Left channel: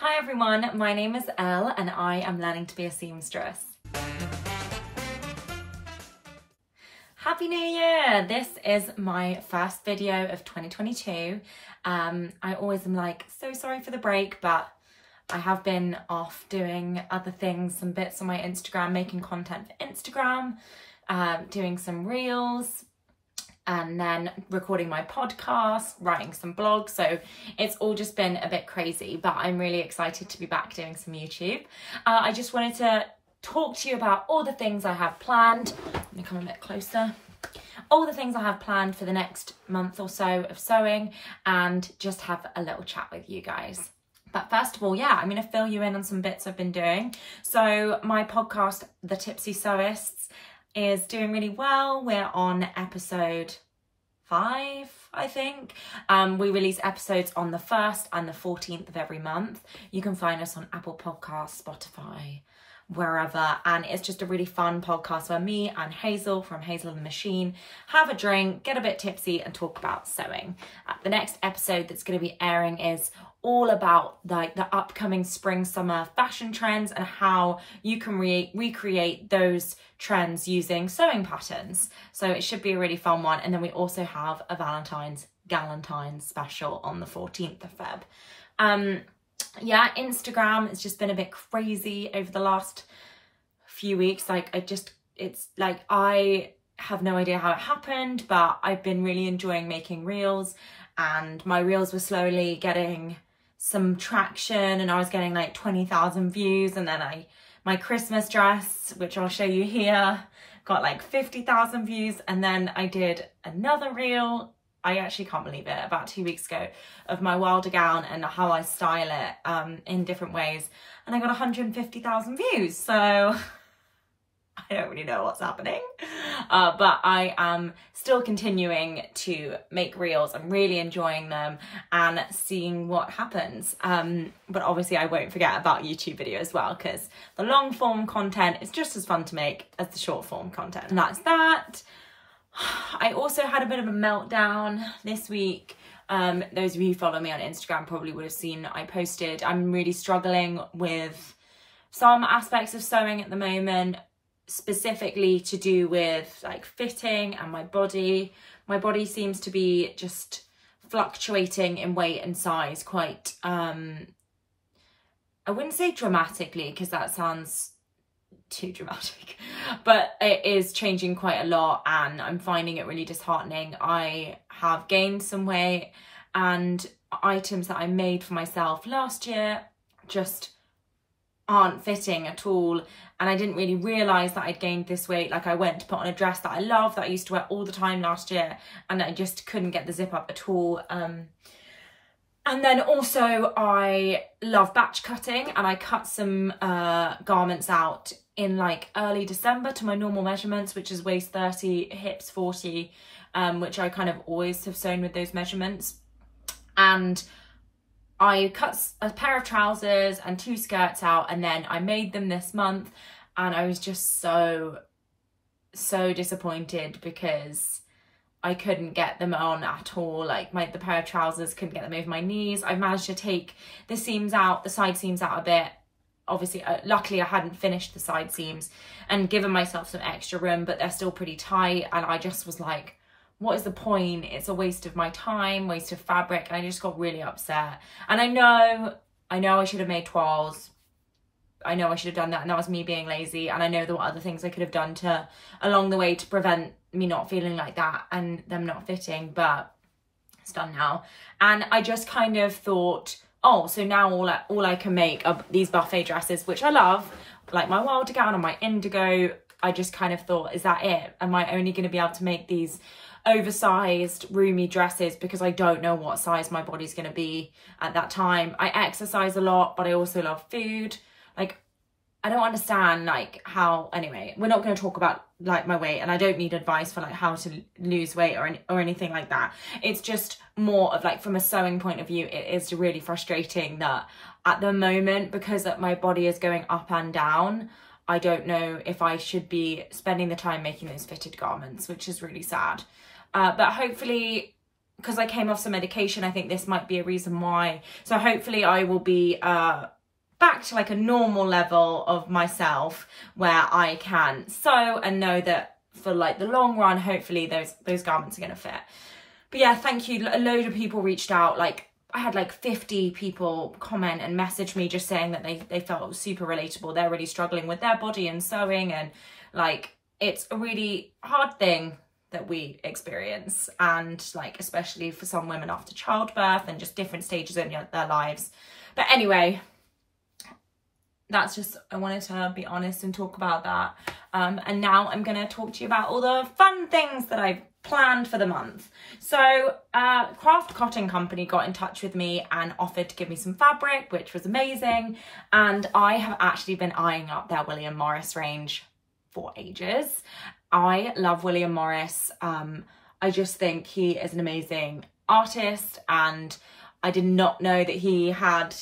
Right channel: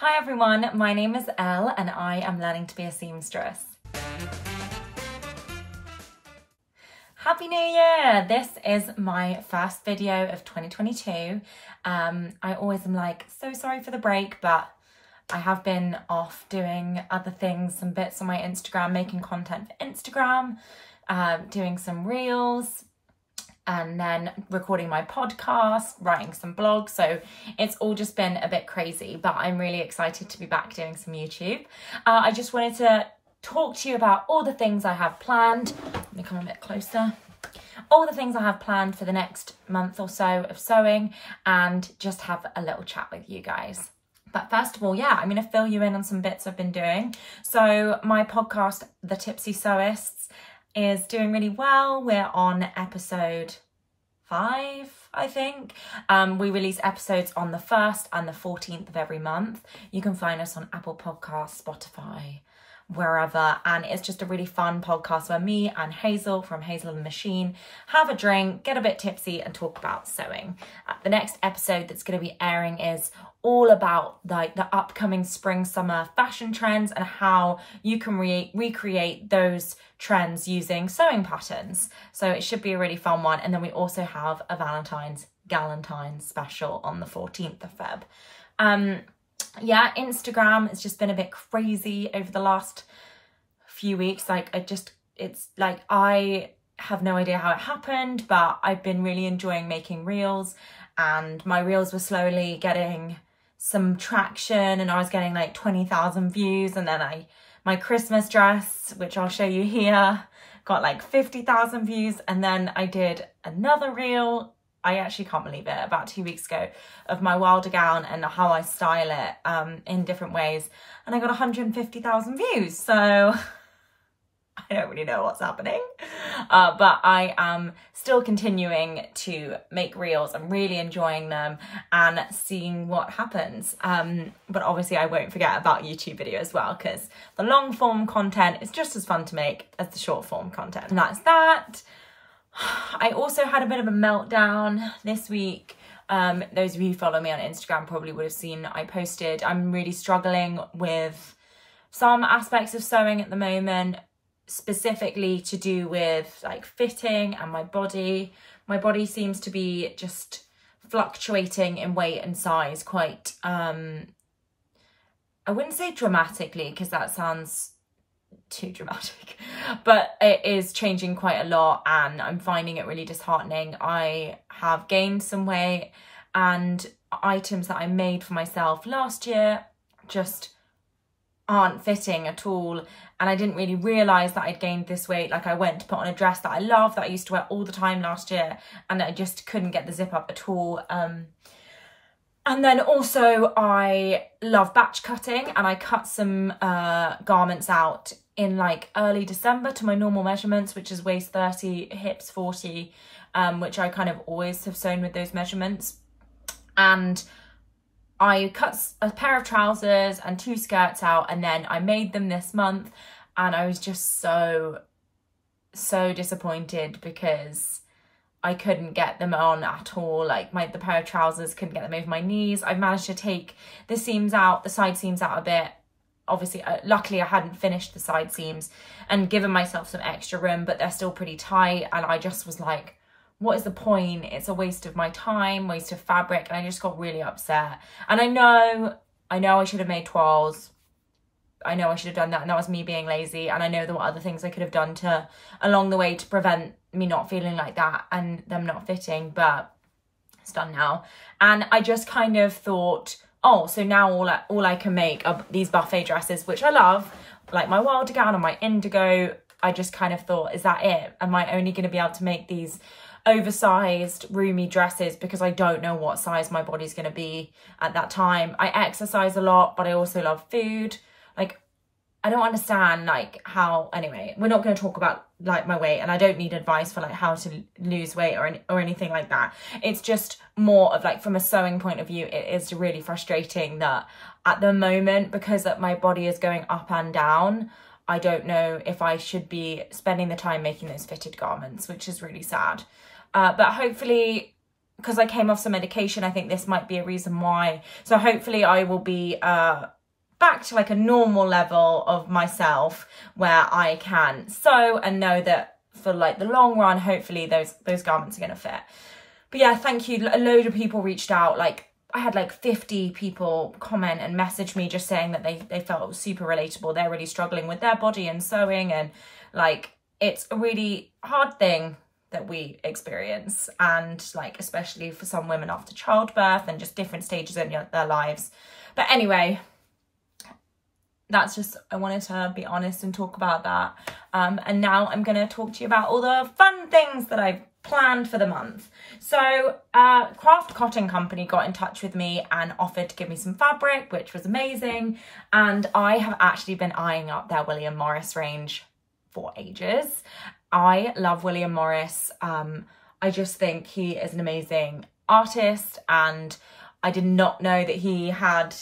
Hi everyone, my name is Elle and I am learning to be a seamstress. Happy New Year! This is my first video of 2022. I always am like, so sorry for the break, but I have been off doing other things, some bits on my Instagram, making content for Instagram, doing some reels, and then recording my podcast, writing some blogs. So it's all just been a bit crazy, but I'm really excited to be back doing some YouTube. I just wanted to talk to you about all the things I have planned. Let me come a bit closer. All the things I have planned for the next month or so of sewing, and just have a little chat with you guys. But first of all, yeah, I'm going to fill you in on some bits I've been doing. So my podcast, The Tipsy Sewists, is doing really well. We're on episode 5, I think. We release episodes on the 1st and the 14th of every month. You can find us on Apple Podcasts, Spotify, wherever, and it's just a really fun podcast where me and Hazel from Hazel and the Machine have a drink, get a bit tipsy and talk about sewing. The next episode that's going to be airing is all about like the upcoming spring summer fashion trends and how you can recreate those trends using sewing patterns. So it should be a really fun one. And then we also have a Galentine's special on the 14th of Feb. Yeah, Instagram has just been a bit crazy over the last few weeks. Like I have no idea how it happened, but I've been really enjoying making reels, and my reels were slowly getting some traction and I was getting like 20,000 views, and then my Christmas dress, which I'll show you here, got like 50,000 views, and then I did another reel, I actually can't believe it, about 2 weeks ago, of my Wilder gown and how I style it in different ways, and I got 150,000 views. So I don't really know what's happening, but I am still continuing to make reels. I'm really enjoying them and seeing what happens. But obviously I won't forget about YouTube video as well, because the long form content is just as fun to make as the short form content. And that's that. I also had a bit of a meltdown this week. Those of you who follow me on Instagram probably would have seen I posted. I'm really struggling with some aspects of sewing at the moment, specifically to do with like fitting and my body. My body seems to be just fluctuating in weight and size quite, I wouldn't say dramatically because that sounds too dramatic, but it is changing quite a lot and I'm finding it really disheartening. I have gained some weight, and items that I made for myself last year just aren't fitting at all, and I didn't really realise that I'd gained this weight. Like I went to put on a dress that I love, that I used to wear all the time last year, and I just couldn't get the zip up at all. And then also I love batch cutting, and I cut some garments out in like early December to my normal measurements, which is waist 30, hips 40, which I kind of always have sewn with those measurements. And I cut a pair of trousers and 2 skirts out, and then I made them this month, and I was just so disappointed because I couldn't get them on at all. Like the pair of trousers, couldn't get them over my knees. I've managed to take the seams out, the side seams out a bit. Obviously, luckily I hadn't finished the side seams and given myself some extra room, but they're still pretty tight, and I just was like, what is the point? It's a waste of my time, waste of fabric, and I just got really upset. And I know I should have made toiles. I know I should have done that, and that was me being lazy, and I know there were other things I could have done along the way to prevent me not feeling like that and them not fitting, but it's done now. And I just kind of thought, oh, so now all I can make are these buffet dresses, which I love, like my Wilder gown and my indigo. I just kind of thought, is that it? Am I only going to be able to make these oversized, roomy dresses because I don't know what size my body's going to be at that time? I exercise a lot, but I also love food. Like, I don't understand like how, anyway, we're not going to talk about like my weight, and I don't need advice for like how to lose weight or anything like that. It's just more of like, from a sewing point of view, it is really frustrating that at the moment, because my body is going up and down, I don't know if I should be spending the time making those fitted garments, which is really sad. But hopefully because I came off some medication, I think this might be a reason why. So hopefully I will be back to like a normal level of myself where I can sew and know that for like the long run, hopefully those garments are going to fit. But yeah, thank you. A load of people reached out. Like I had like 50 people comment and message me just saying that they felt it was super relatable. They're really struggling with their body and sewing, and like it's a really hard thing that we experience, and like especially for some women after childbirth and just different stages in their lives. But anyway, that's just, I wanted to be honest and talk about that. And now I'm going to talk to you about all the fun things that I've planned for the month. So Craft Cotton Company got in touch with me and offered to give me some fabric, which was amazing. And I have actually been eyeing up their William Morris range for ages. I love William Morris. I just think he is an amazing artist, and I did not know that he had,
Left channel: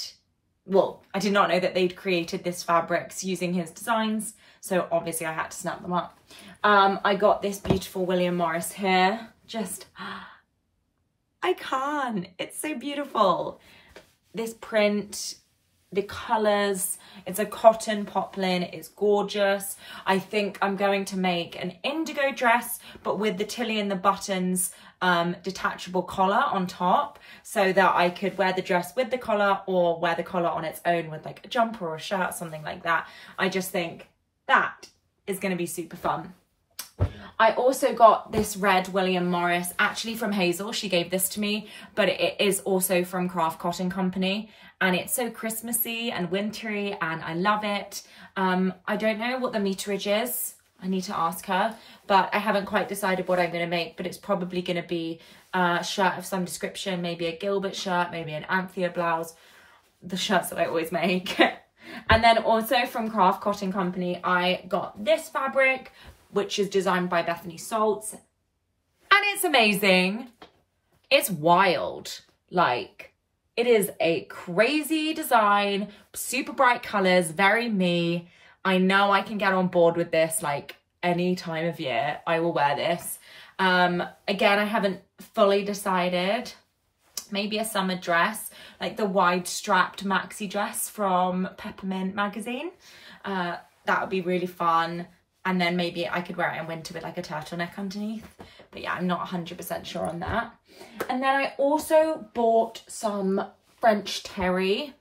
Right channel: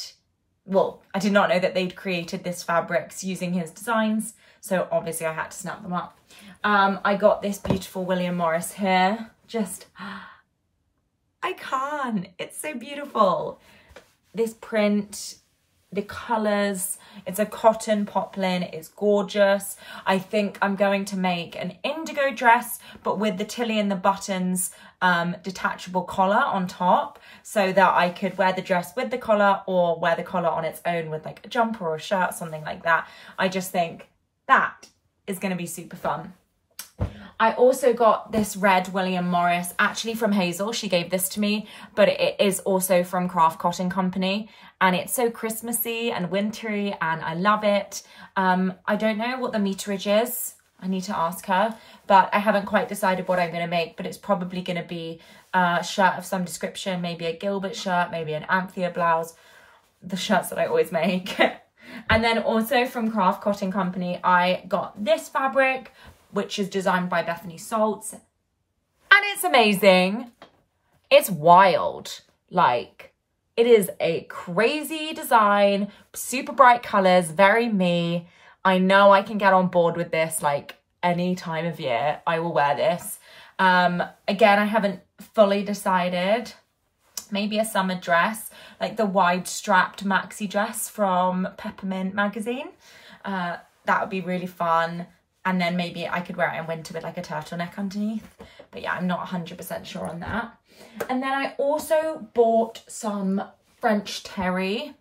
well, I did not know that they'd created this fabrics using his designs. So obviously I had to snap them up. I got this beautiful William Morris here. Just, I can't. It's so beautiful. This print, the colours, it's a cotton poplin, it's gorgeous. I think I'm going to make an indigo dress, but with the tilly and the buttons, detachable collar on top, so that I could wear the dress with the collar or wear the collar on its own with like a jumper or a shirt, something like that. I just think that is going to be super fun. I also got this red William Morris, actually from Hazel. She gave this to me, but it is also from Craft Cotton Company. And it's so Christmassy and wintry, and I love it. I don't know what the meterage is. I need to ask her, but I haven't quite decided what I'm going to make, but it's probably going to be a shirt of some description, maybe a Gilbert shirt, maybe an Anthea blouse, the shirts that I always make. And then also from Craft Cotton Company, I got this fabric, which is designed by Bethany Salts, and it's amazing. It's wild. Like, it is a crazy design, super bright colours, very me. I know I can get on board with this like any time of year. I will wear this. Again, I haven't fully decided. Maybe a summer dress, like the wide strapped maxi dress from Peppermint magazine. That would be really fun. And then maybe I could wear it in winter with like a turtleneck underneath. But yeah, I'm not 100% sure on that. And then I also bought some French terry,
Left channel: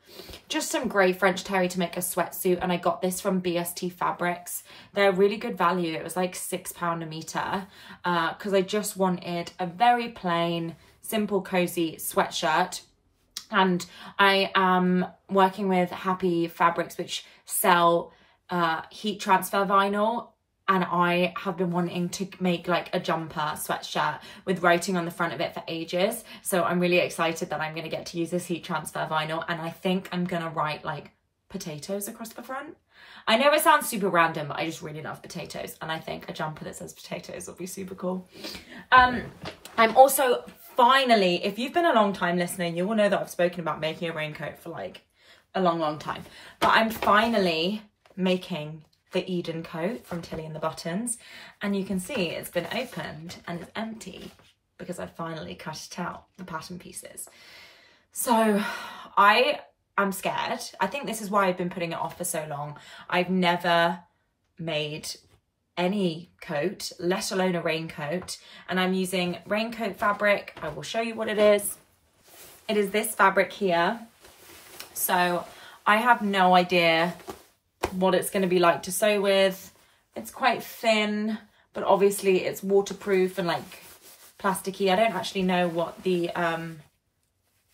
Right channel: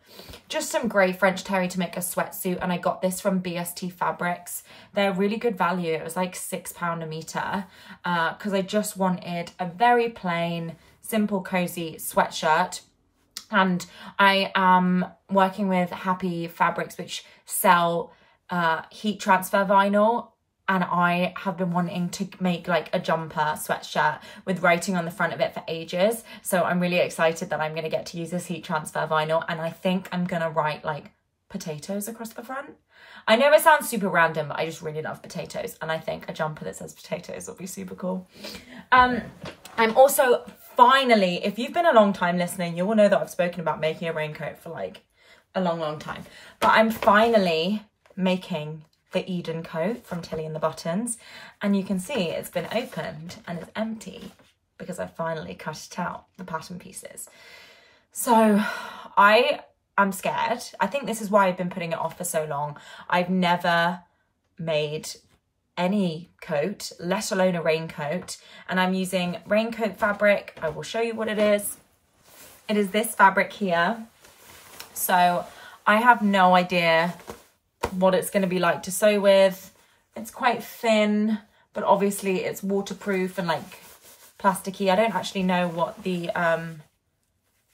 just some grey French terry to make a sweatsuit. And I got this from BST Fabrics. They're really good value. It was like £6 a metre, because I just wanted a very plain, simple, cozy sweatshirt. And I am working with Happy Fabrics, which sell heat transfer vinyl. And I have been wanting to make like a jumper sweatshirt with writing on the front of it for ages. So I'm really excited that I'm going to get to use this heat transfer vinyl. And I think I'm going to write like potatoes across the front. I know it sounds super random, but I just really love potatoes. And I think a jumper that says potatoes will be super cool. I'm also finally, if you've been a long time listening, you will know that I've spoken about making a raincoat for like a long time. But I'm finally making the Eden coat from Tilly and the Buttons, and you can see it's been opened and it's empty because I finally cut it out, the pattern pieces. So I am scared. I think this is why I've been putting it off for so long. I've never made any coat, let alone a raincoat, and I'm using raincoat fabric. I will show you what it is. It is this fabric here. So I have no idea what it's going to be like to sew with. It's quite thin, but obviously it's waterproof and like plasticky. I don't actually know what the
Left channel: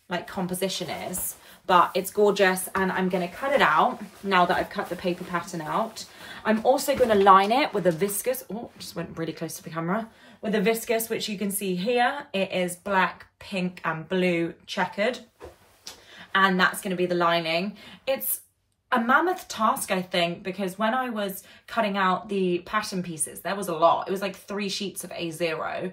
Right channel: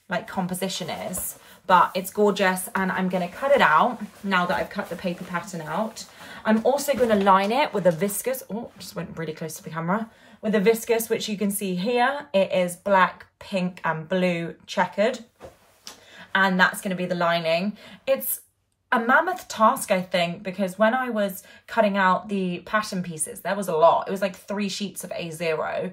like composition is, but it's gorgeous, and I'm going to cut it out now that I've cut the paper pattern out. I'm also going to line it with a viscose. Oh, just went really close to the camera. With a viscose, which you can see here. It is black, pink and blue checkered, and that's going to be the lining. It's a mammoth task, I think, because when I was cutting out the pattern pieces, there was a lot. It was like 3 sheets of A0,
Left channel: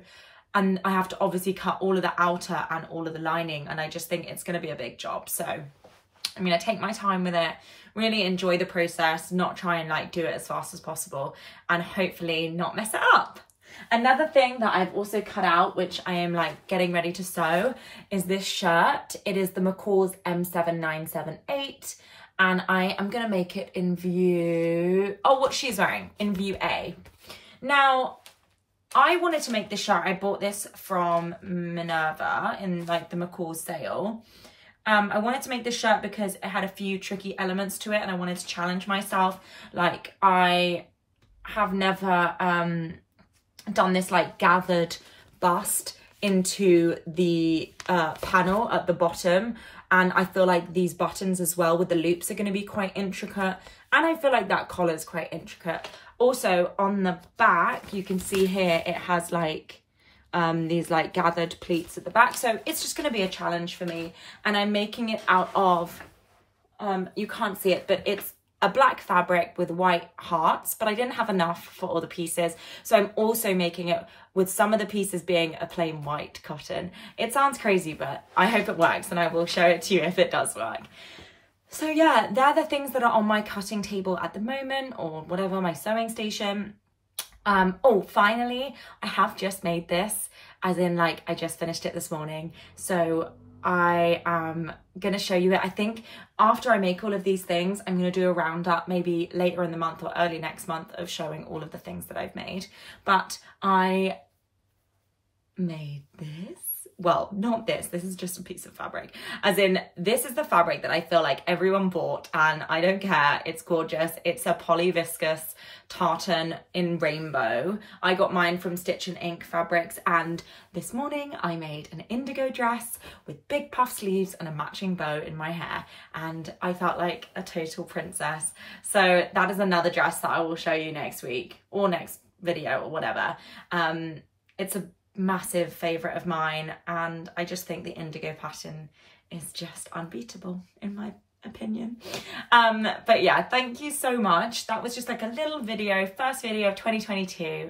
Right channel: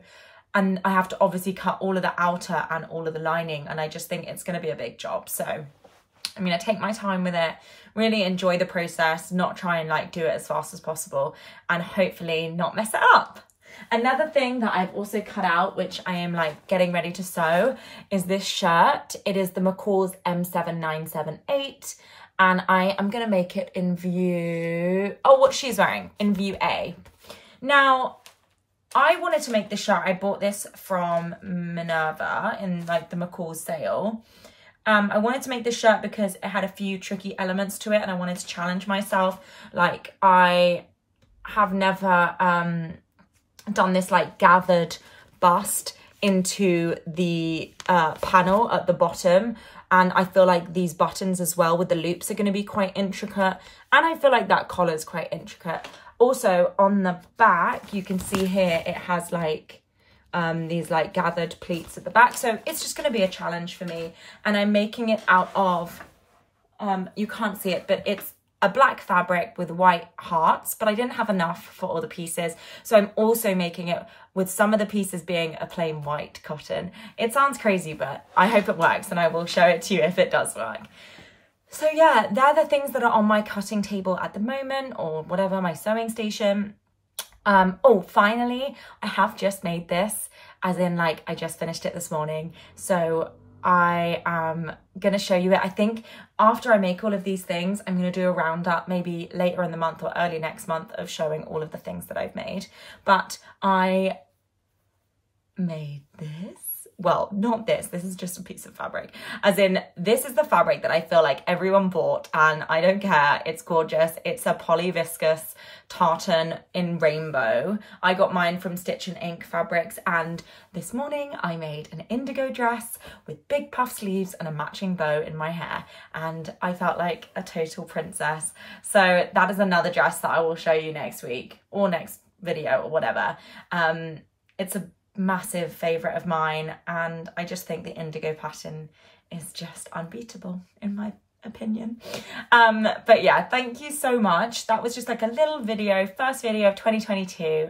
and I have to obviously cut all of the outer and all of the lining, and I just think it's going to be a big job. So I'm going to take my time with it, really enjoy the process, not try and like do it as fast as possible, and hopefully not mess it up. Another thing that I've also cut out, which I am like getting ready to sew, is this shirt. It is the Macaw's M7978, and I am gonna make it in view, oh, what she's wearing, in view A. Now, I wanted to make this shirt. I bought this from Minerva in like the Macaw's sale. I wanted to make this shirt because it had a few tricky elements to it and I wanted to challenge myself. Like, I have never done this like gathered bust into the panel at the bottom, and I feel like these buttons as well with the loops are going to be quite intricate, and I feel like that collar is quite intricate. Also on the back you can see here it has like these like gathered pleats at the back, so it's just going to be a challenge for me. And I'm making it out of you can't see it, but it's a black fabric with white hearts, but I didn't have enough for all the pieces, so I'm also making it with some of the pieces being a plain white cotton. It sounds crazy, but I hope it works, and I will show it to you if it does work. So yeah, they're the things that are on my cutting table at the moment, or whatever, my sewing station. Oh, finally, I have just made this, as in like I just finished it this morning. So I am going to show you it. I think after I make all of these things, I'm going to do a roundup maybe later in the month or early next month of showing all of the things that I've made. But I made this. Well, not this. This is just a piece of fabric. As in, this is the fabric that I feel like everyone bought, and I don't care. It's gorgeous. It's a poly viscose tartan in rainbow. I got mine from Stitch and Ink Fabrics, and this morning I made an indigo dress with big puff sleeves and a matching bow in my hair, and I felt like a total princess. So that is another dress that I will show you next week or next video or whatever. It's a massive favourite of mine, and I just think the indigo pattern is just unbeatable in my opinion. But yeah, thank you so much. That was just like a little video, first video of 2022.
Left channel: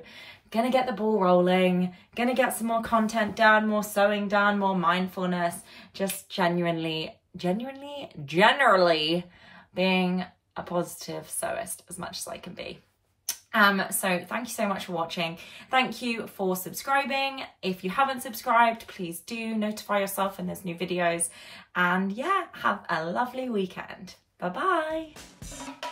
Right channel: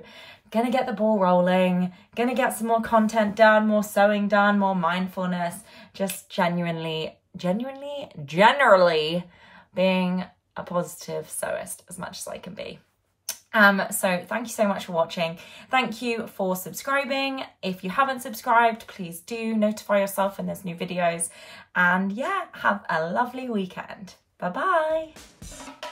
Gonna get the ball rolling, gonna get some more content done, more sewing done, more mindfulness, just generally being a positive sewist as much as I can be. So thank you so much for watching. Thank you for subscribing. If you haven't subscribed, please do notify yourself when there's new videos. And yeah, have a lovely weekend. Bye bye.